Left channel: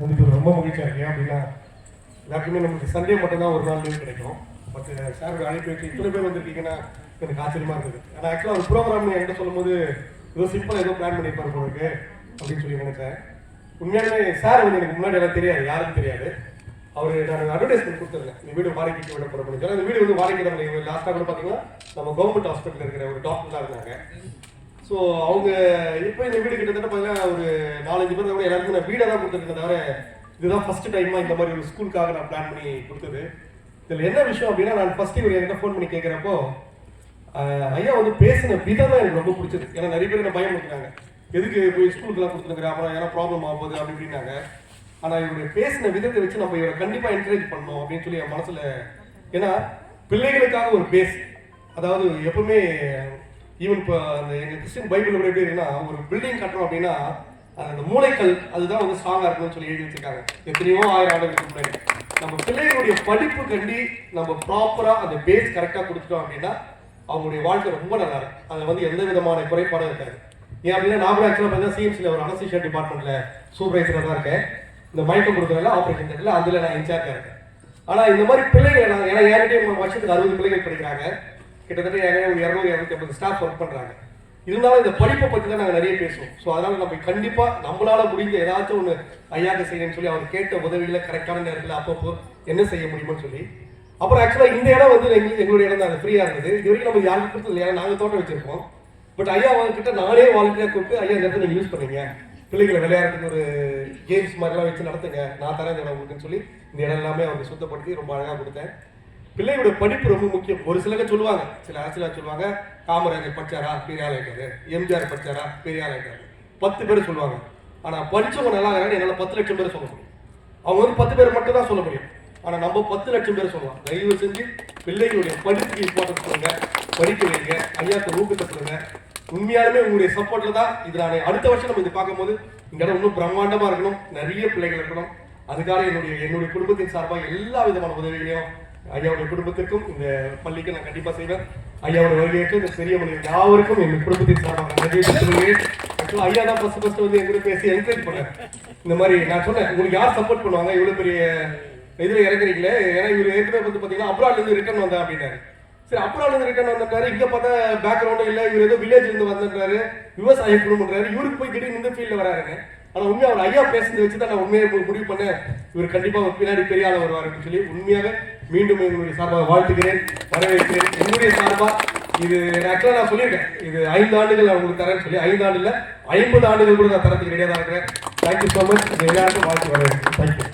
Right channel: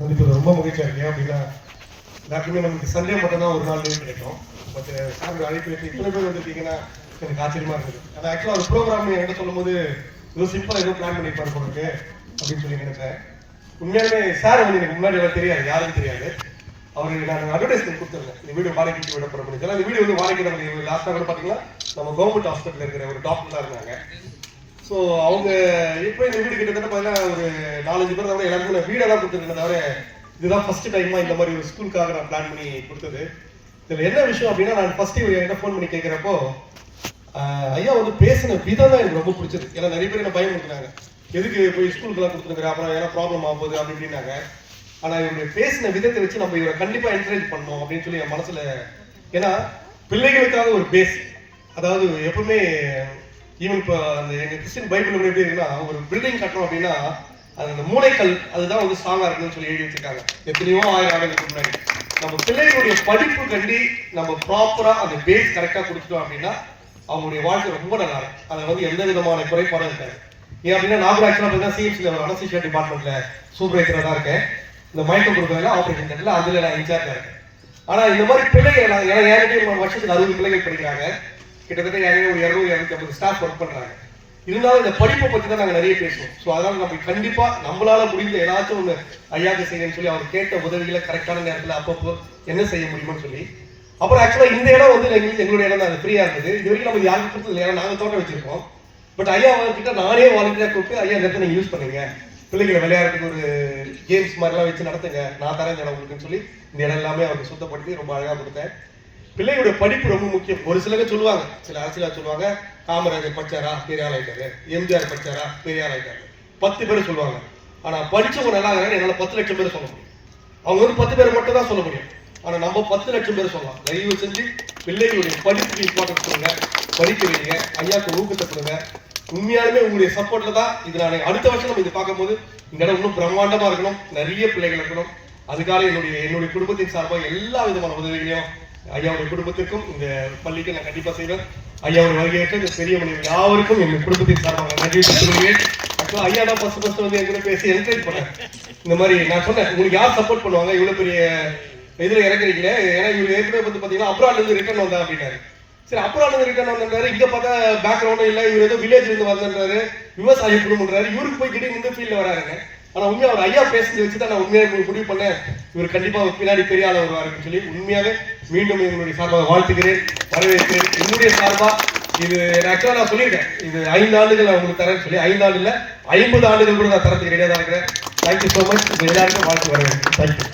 சந்திப்பது ரொம்ப மகிழ்ச்சியாக இருக்கு அப்படின்னா எல்லாருக்குமே நமக்கு சண்டே மட்டும்தான் ஒரு நாள் லீவ் கிடைக்கும். பட் சார் அழைப்பு வச்சு இத்தனை பேர் வந்துருக்கீங்கன்னா எனக்கு ஆச்சரியமா இருக்குது ஆனால் ஆக்சுவலாக ஒரு ப்ரோக்ராம் என்கிட்ட சொல்லும்போது ஏதோ சிம்பிளாக ஏதோ பிளான் பண்ணியிருப்பாரு உங்களுக்கு அப்படின்னு சொல்லி நினைச்சேன். உண்மையாலுமே சார் வந்து எனக்கு முன்னாடி எல்லாம் தெரியாது யாருக்கும் தெரியாது. அவர் நான் அட்வர்டைஸ்மெண்ட் கொடுத்துருந்தேன். இந்த வீடியோ வாடகைக்கு விட போகிற முடியும் இந்த வீடியோ வந்து வாடகை லாஸ்ட்டாக கூட பார்த்தீங்கன்னா நம்ம கவர்மெண்ட் ஹாஸ்பிட்டல் இருக்கிற ஒரு டாக்டர் தான் இருந்தாங்க. ஸோ அவங்க இப்போ இந்த வீடு கிட்டத்தட்ட பார்த்தீங்கன்னா ஒரு நாலஞ்சு பேர் கூட எல்லாருக்கும் நான் வீடெல்லாம் கொடுத்துருக்கேன் தவிர இதுதான் ஃபர்ஸ்ட் டைமாக இந்த மாதிரி ஒரு ஸ்கூலுக்காக நான் பிளான் பண்ணி கொடுத்தது. இதில் என்ன விஷயம் அப்படின்னா நான் ஃபர்ஸ்ட் இவர் என்கிட்ட ஃபோன் பண்ணி கேட்குறப்போ ஐயா வந்து பேசின விதம் தான் எனக்கு ரொம்ப பிடிச்சது. ஏன்னா நிறைய பேர் என்ன பயம் இருக்கிறாங்க எதுக்கு போய் ஸ்கூலுக்குலாம் கொடுத்துருக்குறேன் அப்புறம் ஏன்னா ப்ராப்ளம் ஆக போகுது அப்படி இப்படின்னாங்க. ஆனால் இவருடைய பேசின விதத்தை வச்சு நம்ம இவரை கண்டிப்பாக என்கரேஜ் பண்ணோம் அப்படின்னு சொல்லி என் மனசில் ஏன்னா பிள்ளைகளுக்காக ஒரு பேஸ் அதாவது எப்பவுமே ஈவன் இப்போ அந்த எங்க கிறிஸ்டின் பைபிள் எப்படி எப்படின்னா ஒரு பில்டிங் கட்டணும் அப்படின்னா அது அந்த மூளைக்கல் அதுதான் வந்து ஸ்ட்ராங்கா இருக்கணும்னு சொல்லி எழுதி வச்சிருக்காங்க. எத்தனையோ ஆயிரம் ஆண்டுகளுக்கு முன்னாடி. நம்ம பிள்ளைகளுடைய படிப்பு கண்டி நம்ம ப்ராப்பரா அந்த பேஸ் கரெக்டா கொடுத்துட்டோம் அப்படின்னா அவங்களுடைய வாழ்க்கை ரொம்ப நல்லா இருக்கும். அதை வந்து எந்த விதமான குறைபாடும் இருக்காது. ஏன் அப்படின்னா நான் கூட ஆக்சுவலாக பார்த்தீங்கன்னா சிஎம்சியில் ஒரு அனசிஷியா டிபார்ட்மெண்ட்ல சூப்பர்வைசராக தான் இருக்கேன். இந்த மயக்கம் கொடுக்குறதுல ஆப்ரேஷன் தேட்டரில் அதில் நான் இன்சார்ஜாக இருக்கேன். ஆனால் இந்த மாதிரி பிள்ளைகள் நான் ஏன்னா என்கிட்ட ஒரு வருஷத்துக்கு அறுபது பிள்ளைகள் படிக்கிறாங்க. கிட்டத்தட்ட நிறைய ஒரு இரநூறு இரநூத்தி ஐம்பது ஸ்டாஃப் ஒர்க் பண்ணுறாங்க இருந்தாலும் இந்த படிப்பை பத்தி தான் நாங்கள் நிறைய பேசுவோம். ஸோ அதனால் நம்ம கண்டிப்பாக நம்மளால முடிஞ்ச ஏதாச்சும் ஒன்று ஐயாக்கு செய்யணும்னு சொல்லி அவர் கேட்ட உதவிகளை கரெக்டான நேரத்தில் அப்பப்போ என்ன செய்ய முடியும்னு சொல்லி. அப்புறம் ஆக்சுவலாக இந்த இடம் வந்து எங்களுக்கு எங்களுடைய இடம் தான். ஃப்ரீயாக இருந்தது. இது வரைக்கும் நம்ம யாருக்கும் கொடுத்தது இல்லை. ஏன்னா தோட்டம் வச்சிருக்கோம். பட் ஐயா கிட்ட நானே வாழ்க்கையாக கூப்பிட்டு ஐயா இந்த இடத்துல யூஸ் பண்ணுங்க. பிள்ளைங்களை விளையாட்டுக்கு ஒரு கேம்ஸ் மாதிரிலாம் வச்சு நடத்துங்க. நான் தரேன் இந்த இடம் உங்களுக்குன்னு சொல்லி இந்த இடம் எல்லாமே அவருக்கு சுத்தப்படுத்தி ரொம்ப அழகா கொடுத்தேன். பிள்ளைகளுடைய படிப்பு ரொம்ப முக்கியம். ஒரு சிலங்க சொல்லுவாங்க சில அரசியலாக சொல்லுவாங்க காமராஜர் படிச்சாரா? பெரிய ஆள் ஆயிட்டாரு. எம்ஜிஆர் படிச்சாரா? பெரிய ஆள் ஆயிட்டாரு. பத்து பேர் சொல்லுவாங்க. ஆனால் படித்தவங்க நல்லா இருக்காங்க எங்களால் பத்து லட்சம் பேர் சொல்ல முடியும். அவங்க வந்து பத்து பேர் மட்டும் தான் சொல்ல முடியும். ஆனால் நம்ம பத்து லட்சம் பேர் சொல்லலாம். தயவு செஞ்சு பிள்ளைகளுடைய படிப்புக்கு இம்பார்ட்டன்ஸ் சொல்லுங்க. படிக்க வைங்க. ஐயாக்கு ஊக்கத்தை சொல்லுங்க. உண்மையாலுமே உங்களுடைய சப்போர்ட்ல தான் இது நான் அடுத்த வருஷம் நம்ம இது பார்க்கும்போது இந்த இடம் இன்னும் பிரம்மாண்டமா இருக்கணும். நிறைய பிள்ளைகள் இருக்கணும். அதுக்காக என்னுடைய என்னுடைய குடும்பத்தின் சார்பாக எல்லா விதமான உதவிகளையும் ஐயாவுடைய குடும்பத்திற்கும் இந்த பள்ளிக்கு நான் கண்டிப்பா செய்வேன். ஐயாவுடைய வருகையேற்று இந்த பெரிய மனைவி யாவருக்கும் எங்கள் குடும்பத்தின் சார்பாக நன்றி சொல்லுவேன் ஐயா தான் ஃபர்ஸ்ட் ஃபர்ஸ்ட் வந்து எங்கிட்ட பேசி என்கரேஜ் பண்ணேன். இந்த மாதிரி நான் சொன்னேன் உங்களுக்கு யார் சப்போர்ட் பண்ணுவாங்க? இவ்வளவு பெரிய இதுல இறங்குறீங்களே. ஏன்னா இவர் ஏற்கனவே வந்து பாத்தீங்கன்னா அப்ராட்ல இருந்து ரிட்டர்ன் வந்தா அப்படின்னாரு. சரி அப்ராட்ல இருந்து ரிட்டர்ன் வந்தாரு இங்க பார்த்தா பேக்ரவுண்டும் இல்ல இவர் ஏதோ வில்லேஜ்ல இருந்து வந்திருந்தாரு விவசாய குடும்பம்ன்றாரு இவருக்கு போய் திடீர்னு வந்து ஃபீல்ட்ல வராருங்க. ஆனா உண்மையா அவர் ஐயா பேசுறது வச்சு தான் நான் உண்மையாக முடிவு பண்ணேன். இவர் கண்டிப்பா பின்னாடி பெரிய ஆள் வருவாருன்னு சொல்லி உண்மையாக மீண்டும் எங்களுடைய சார்பாக வாழ்த்துகிறேன் வரவேற்கிறேன். என்னுடைய சார்பாக இது ஆக்சுவலாக நான் சொல்லியிருக்கேன். இது ஐந்து ஆண்டுகள் நான் உங்களுக்கு தரேன்னு சொல்லி ஐந்து ஆண்டு இல்லை ஐம்பது ஆண்டுகள் கூட நான் தரத்துக்கு ரெடியாக தான் இருக்கிறேன். தேங்க்யூ ஸோ மச் எல்லாருக்கும் வாழ்த்து வரவேன் தேங்க்யூ